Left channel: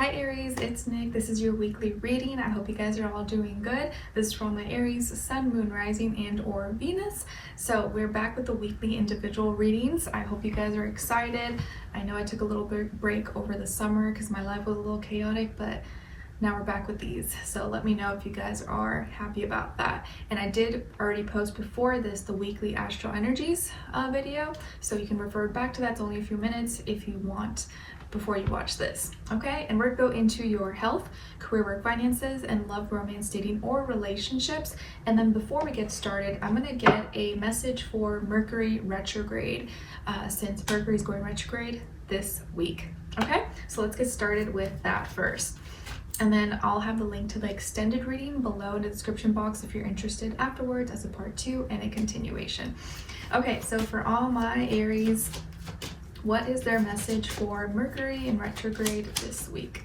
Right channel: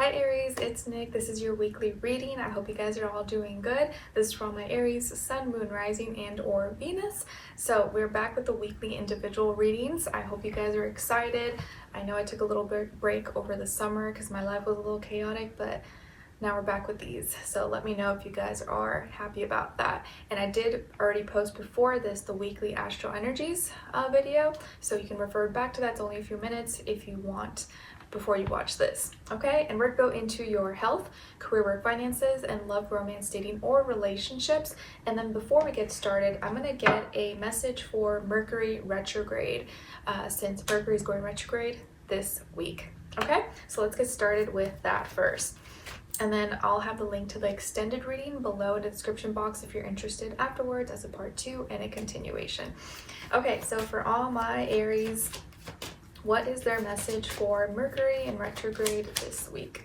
Hi Aries, it's Nick. This is your weekly reading. I hope you guys are all doing good. This is for all my Aries, Sun, Moon, Rising, and or Venus. So we're back with the weekly individual readings. I hope you guys are excited. I know I took a little bit break over the summer because my life was a little chaotic, but now we're back with these. So let me know if you guys are happy about that. And I did already post before this the weekly astro energies video, so you can refer back to that. It's only a few minutes if you want before you watch this. Okay, and we're going to go into your health, career, work, finances, and love, romance, dating, or relationships. And then before we get started, I'm going to get a message for Mercury retrograde, since Mercury is going retrograde this week. Okay, so let's get started with that first. And then I'll have the link to the extended reading below in the description box if you're interested afterwards as a part 2 and a continuation. Okay, so for all my Aries, what is their message for Mercury in retrograde this week?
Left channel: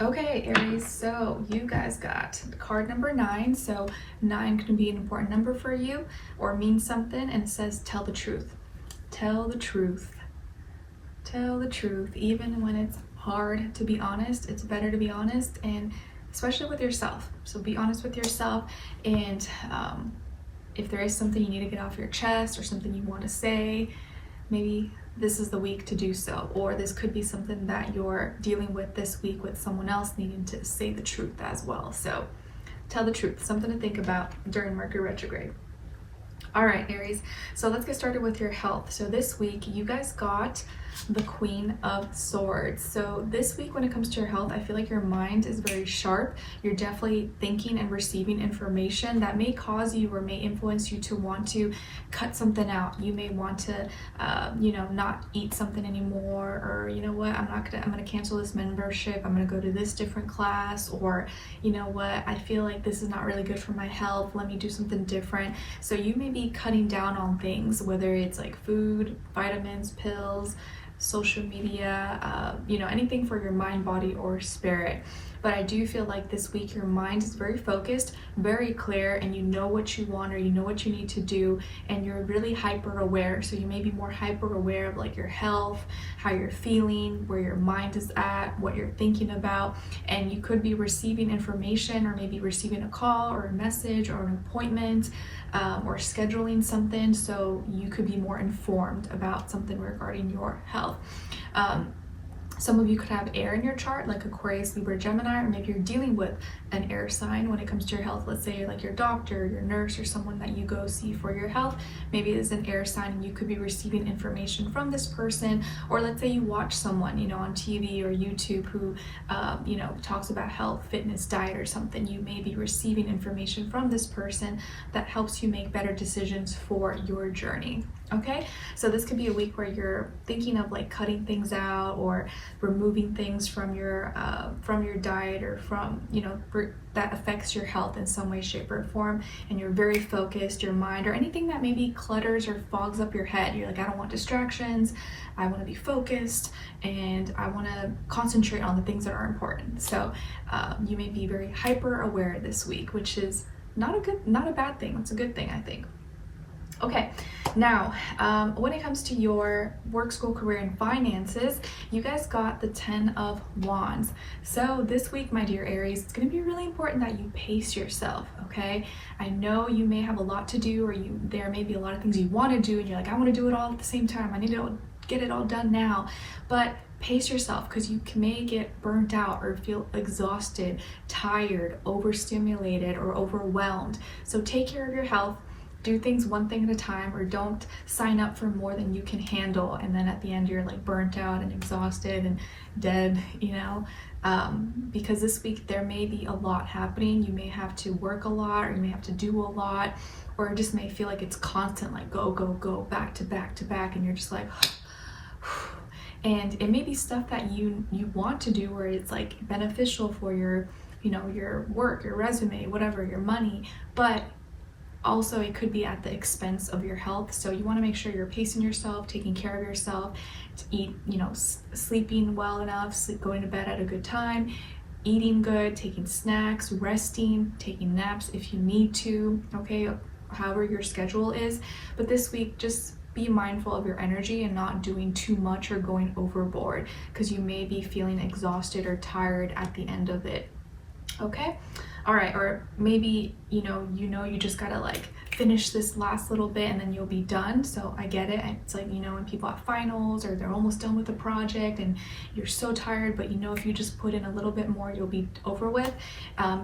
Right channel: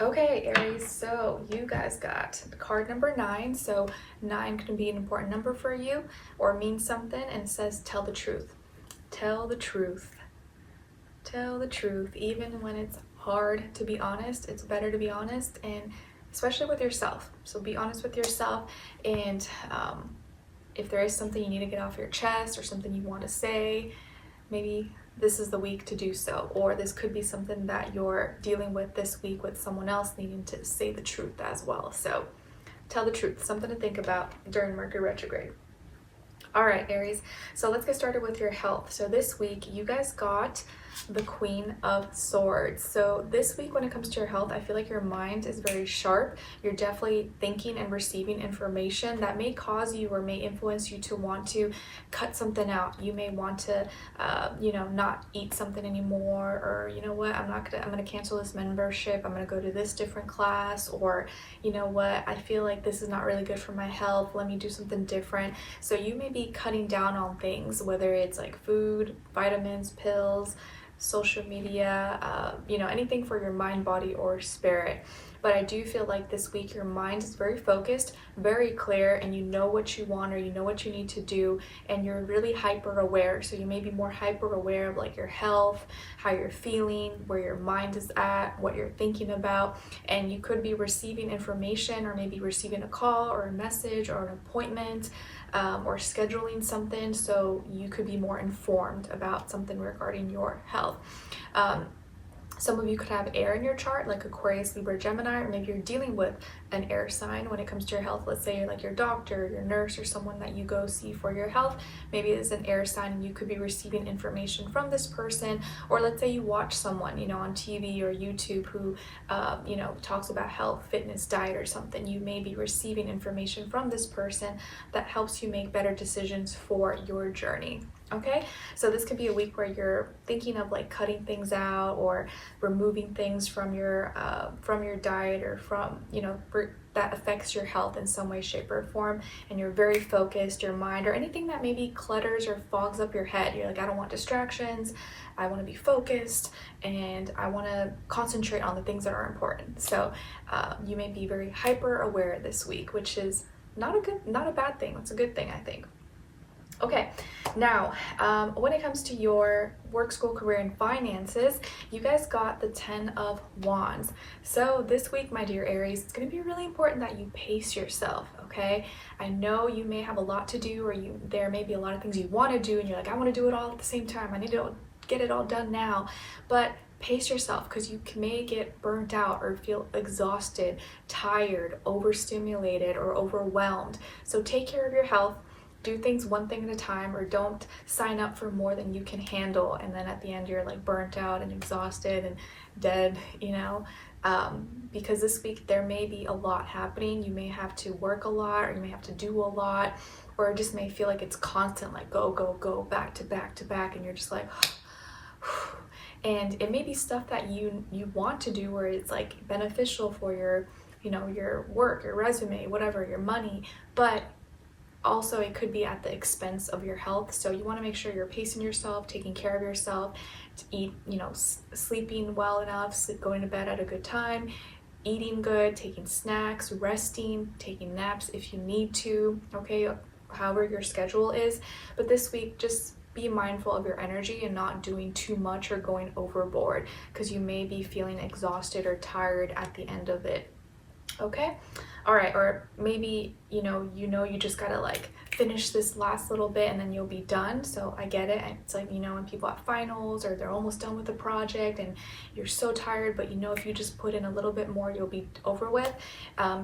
Okay, Aries, so you guys got card number 9. So 9 can be an important number for you or mean something, and it says tell the truth. Tell the truth. Tell the truth. Even when it's hard to be honest, it's better to be honest, and especially with yourself. So be honest with yourself, and if there is something you need to get off your chest or something you want to say, maybe this is the week to do so. Or this could be something that you're dealing with this week with someone else needing to say the truth as well. So tell the truth, something to think about during Mercury retrograde. All right, Aries, so let's get started with your health. So this week you guys got the Queen of Swords. So this week when it comes to your health, I feel like your mind is very sharp. You're definitely thinking and receiving information that may cause you or may influence you to want to cut something out. You may want to not eat something anymore, or you know what, I'm gonna cancel this membership, I'm gonna go to this different class, or you know what, I feel like this is not really good for my health, let me do something different. So you may be cutting down on things, whether it's like food, vitamins, pills, social media, anything for your mind, body, or spirit. But I do feel like this week your mind is very focused, very clear, and you know what you want or you know what you need to do, and you're really hyper aware. So you may be more hyper aware of like your health, how you're feeling, where your mind is at, what you're thinking about, and you could be receiving information or maybe receiving a call or a message or an appointment, or scheduling something, so you could be more informed about something regarding your health. Some of you could have air in your chart, like Aquarius, Libra, Gemini, or maybe you're dealing with an air sign when it comes to your health. Let's say like your doctor, your nurse, or someone that you go see for your health. Maybe it's an air sign and you could be receiving information from this person. Or let's say you watch someone, on TV or YouTube who, talks about health, fitness, diet, or something. You may be receiving information from this person that helps you make better decisions for your journey. Okay, so this could be a week where you're thinking of like cutting things out or removing things from your diet, or from that affects your health in some way, shape, or form, and you're very focused. Your mind, or anything that maybe clutters or fogs up your head, you're like, I don't want distractions, I want to be focused, and I want to concentrate on the things that are important. So you may be very hyper aware this week, which is not a bad thing. It's a good thing, I think. Okay, now when it comes to your work, school, career, and finances, you guys got the 10 of Wands. So this week, my dear Aries, it's going to be really important that you pace yourself, okay? I know you may have a lot to do, or there may be a lot of things you want to do, and you're like, I want to do it all at the same time. I need to get it all done now. But pace yourself, because you may get burnt out or feel exhausted, tired, overstimulated, or overwhelmed. So take care of your health. Do things one thing at a time, or don't sign up for more than you can handle, and then at the end you're like burnt out and exhausted and dead, because this week there may be a lot happening. You may have to work a lot, or you may have to do a lot, or it just may feel like it's constant, like go, go, go, back to back to back, and you're just like and it may be stuff that you want to do, where it's like beneficial for your your work, your resume, whatever, your money, but also it could be at the expense of your health. So you want to make sure you're pacing yourself, taking care of yourself, to eat, sleeping well enough, going to bed at a good time, eating good, taking snacks, resting, taking naps if you need to, okay, however your schedule is. But this week, just be mindful of your energy and not doing too much or going overboard, because you may be feeling exhausted or tired at the end of it. Okay? All right, or maybe you just gotta like finish this last little bit and then you'll be done. So I get it. It's like, when people have finals or they're almost done with a project and you're so tired, but if you just put in a little bit more, you'll be over with.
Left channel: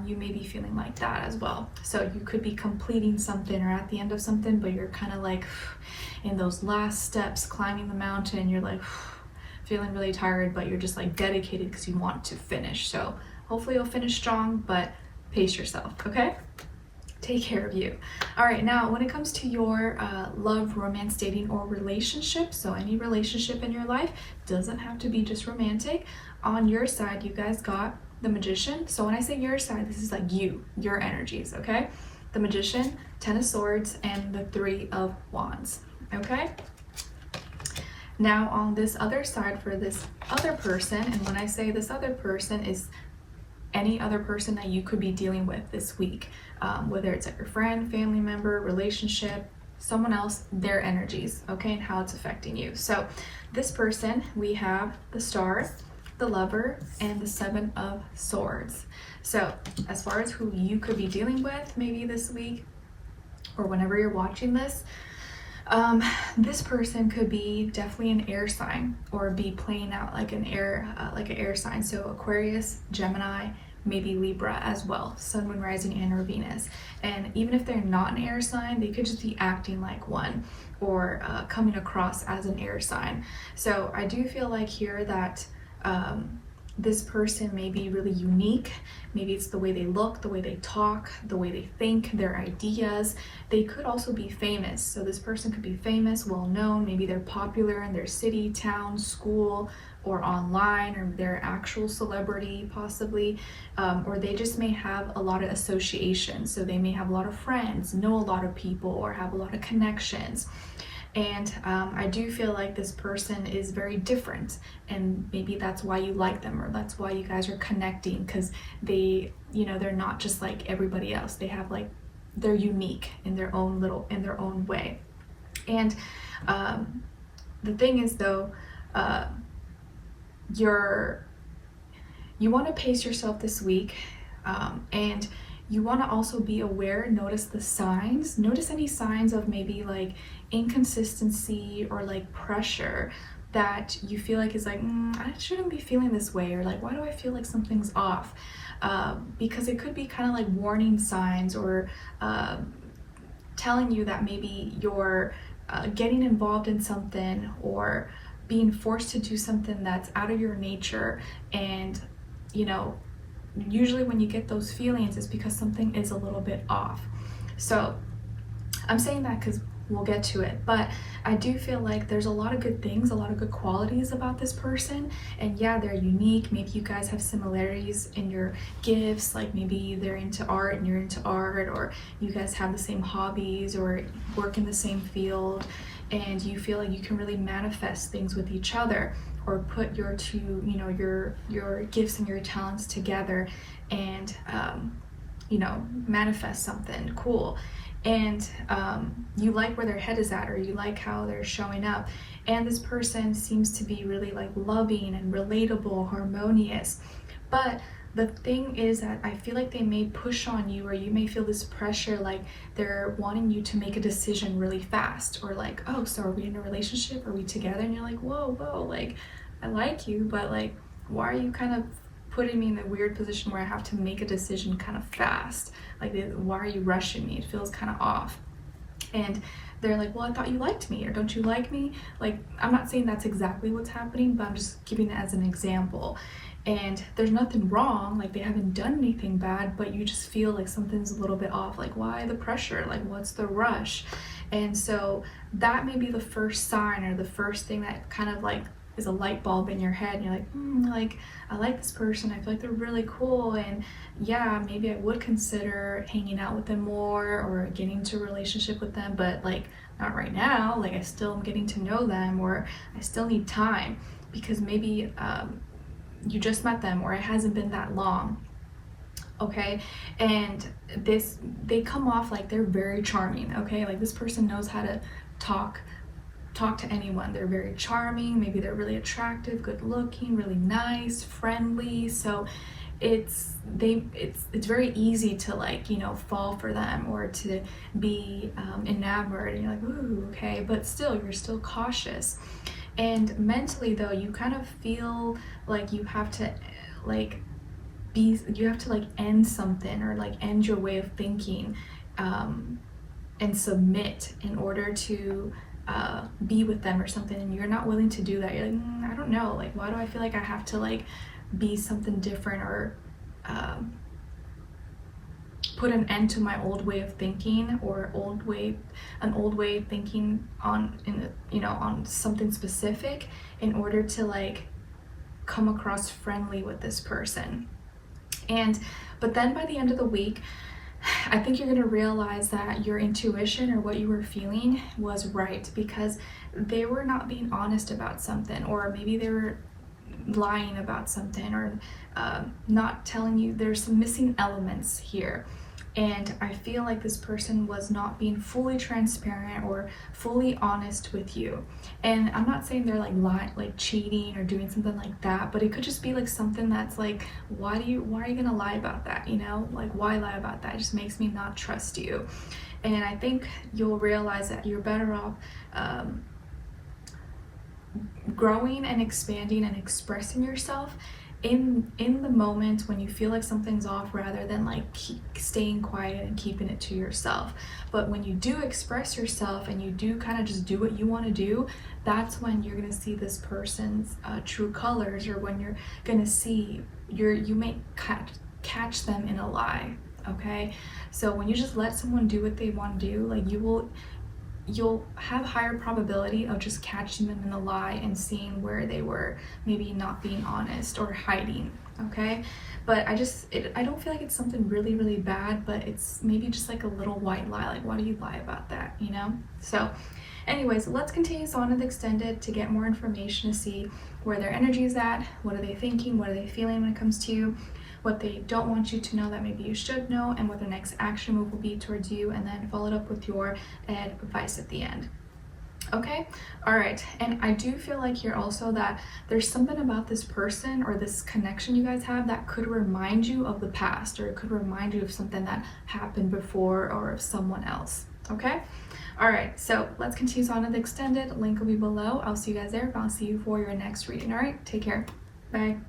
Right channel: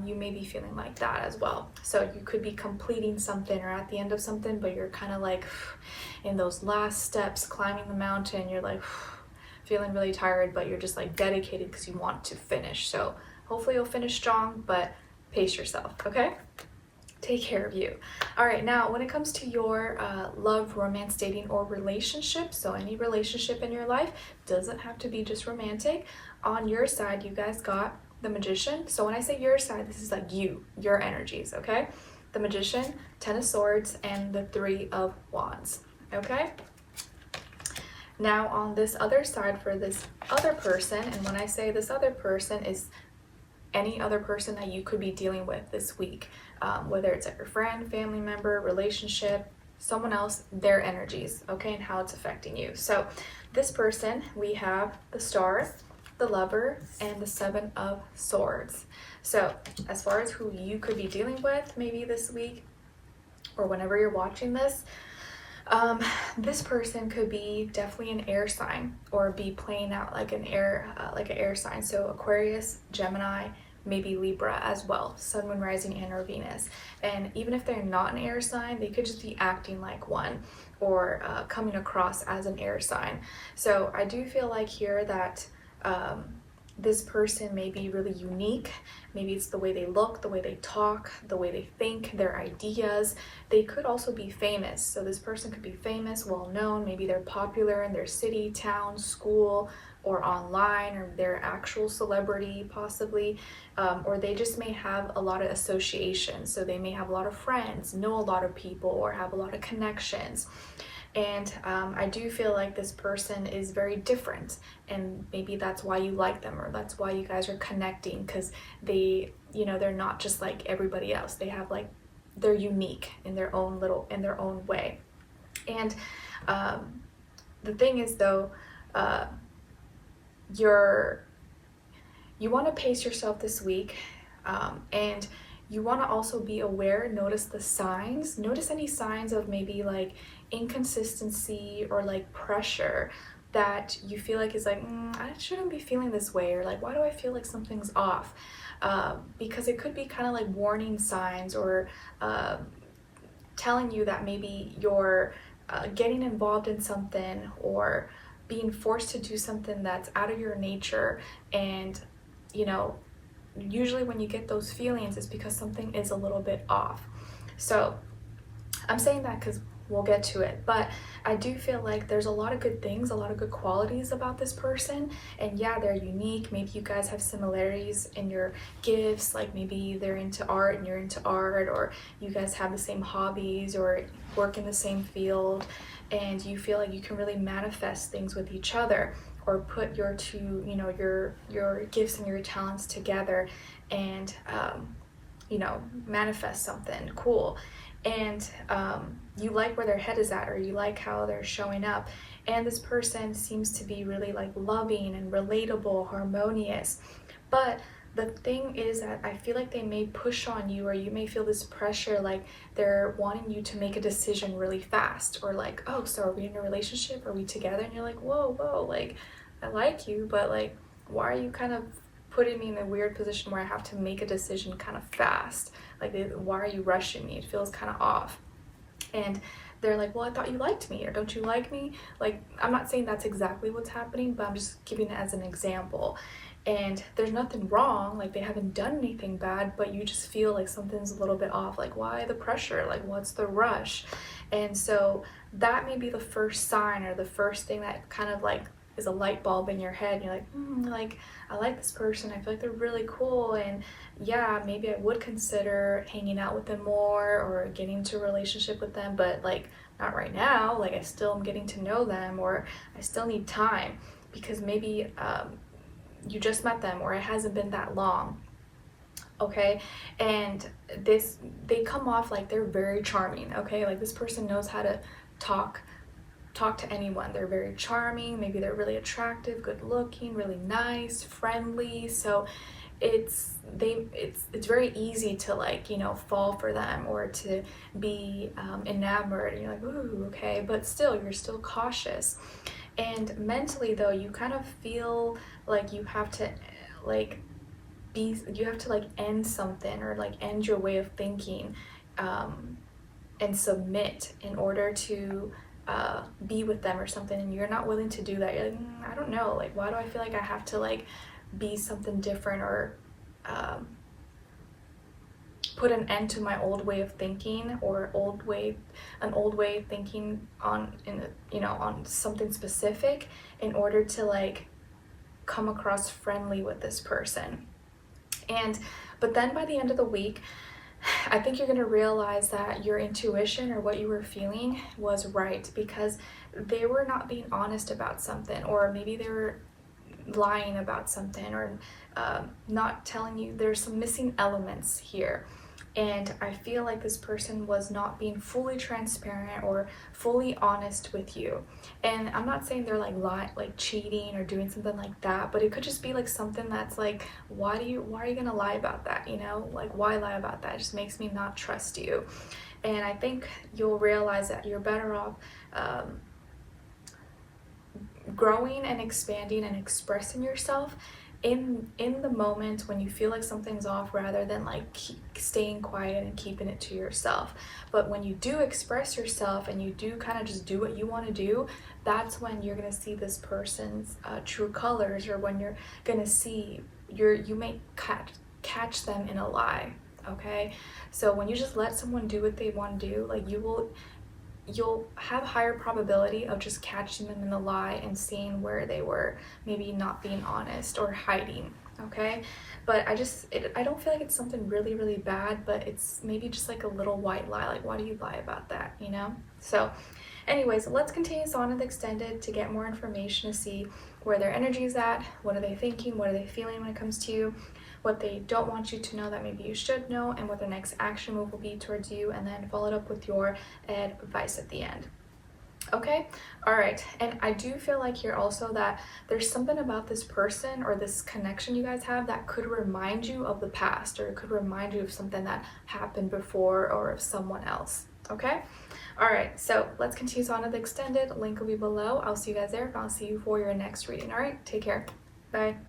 You may be feeling like that as well. So you could be completing something or at the end of something, but you're kind of like in those last steps, climbing the mountain, you're like feeling really tired, but you're just like dedicated because you want to finish. So hopefully you'll finish strong, but pace yourself, okay? Take care of you. All right, now when it comes to your love, romance, dating, or relationship, so any relationship in your life, doesn't have to be just romantic. On your side, you guys got the Magician. So when I say your side, this is like your energies, okay? The Magician, 10 of Swords, and the 3 of Wands, okay? Now on this other side for this other person, and when I say this other person is any other person that you could be dealing with this week, whether it's like your friend, family member, relationship, someone else, their energies, okay, and how it's affecting you. So this person, we have the Star, the Lover, and the 7 of Swords. So as far as who you could be dealing with maybe this week or whenever you're watching this, this person could be definitely an air sign or be playing out like an air sign. So Aquarius, Gemini, maybe Libra as well, Sun, Moon, Rising, and or Venus. And even if they're not an air sign, they could just be acting like one or coming across as an air sign. So I do feel like here that this person may be really unique. Maybe it's the way they look, the way they talk, the way they think, their ideas. They could also be famous. So this person could be famous, well known. Maybe they're popular in their city, town, school, or online, or they're actual celebrity possibly, or they just may have a lot of associations. So they may have a lot of friends, know a lot of people, or have a lot of connections. And I do feel like this person is very different, and maybe that's why you like them, or that's why you guys are connecting, because they, they're not just like everybody else. They have like, they're unique in their own way. And the thing is though, you want to pace yourself this week, and you want to also be aware, notice the signs, notice any signs of maybe like inconsistency or like pressure that you feel like is like, I shouldn't be feeling this way, or like, why do I feel like something's off? Because it could be kind of like warning signs or telling you that maybe you're getting involved in something or being forced to do something that's out of your nature. And usually when you get those feelings, it's because something is a little bit off. So I'm saying that because we'll get to it, but I do feel like there's a lot of good things, a lot of good qualities about this person. And yeah, they're unique. Maybe you guys have similarities in your gifts, like maybe they're into art and you're into art, or you guys have the same hobbies or work in the same field, and you feel like you can really manifest things with each other, or put your two, your gifts and your talents together and manifest something cool. And you like where their head is at, or you like how they're showing up. And this person seems to be really like loving and relatable, harmonious. But the thing is that I feel like they may push on you, or you may feel this pressure, like they're wanting you to make a decision really fast, or like, oh, so are we in a relationship? Are we together? And you're like, whoa, like I like you, but like, why are you kind of putting me in a weird position where I have to make a decision kind of fast? Like, why are you rushing me? It feels kind of off. And they're like, well, I thought you liked me, or don't you like me? Like, I'm not saying that's exactly what's happening, but I'm just giving it as an example. And there's nothing wrong, like they haven't done anything bad, but you just feel like something's a little bit off. Like, why the pressure? Like, what's the rush? And so that may be the first sign, or the first thing that kind of like is a light bulb in your head. And you're like, like, I like this person. I feel like they're really cool. And yeah, maybe I would consider hanging out with them more or getting into a relationship with them, but like not right now. Like, I still am getting to know them, or I still need time, because maybe you just met them, or it hasn't been that long. Okay, and they come off like they're very charming. Okay, like this person knows how to talk talk to anyone. They're very charming, maybe they're really attractive, good looking, really nice, friendly. So it's very easy to, like, you know, fall for them or to be enamored, and you're like, ooh, okay, but still you're still cautious. And mentally though, you kind of feel like you have to like end something, or like end your way of thinking, and submit in order to be with them or something, and you're not willing to do that. You're like, I don't know, like, why do I feel like I have to like be something different, or put an end to my old way of thinking, or an old way of thinking on on something specific, in order to like come across friendly with this person. But then by the end of the week, I think you're going to realize that your intuition, or what you were feeling, was right, because they were not being honest about something, or maybe they were lying about something, or not telling you. There's some missing elements here. And I feel like this person was not being fully transparent or fully honest with you. And I'm not saying they're like cheating or doing something like that, but it could just be like something that's like, why are you gonna lie about that? You know, like, why lie about that? It just makes me not trust you. And I think you'll realize that you're better off growing and expanding and expressing yourself in the moment when you feel like something's off, rather than like staying quiet and keeping it to yourself. But when you do express yourself and you do kind of just do what you want to do, that's when you're going to see this person's true colors, or when you're going to see you may catch them in a lie. Okay, so when you just let someone do what they want to do, like, you'll have higher probability of just catching them in the lie and seeing where they were maybe not being honest or hiding. Okay, but I don't feel like it's something really, really bad, but it's maybe just like a little white lie. Like, why do you lie about that, you know? So anyways, let's continue on with extended to get more information, to see where their energy is at, what are they thinking, what are they feeling when it comes to you, what they don't want you to know that maybe you should know, and what their next action move will be towards you, and then follow it up with your advice at the end. Okay, all right. And I do feel like here also that there's something about this person or this connection you guys have that could remind you of the past, or it could remind you of something that happened before, or of someone else. Okay, all right, so let's continue on with the extended. Link will be below. I'll see you guys there, but I'll see you for your next reading. All right, take care. Bye.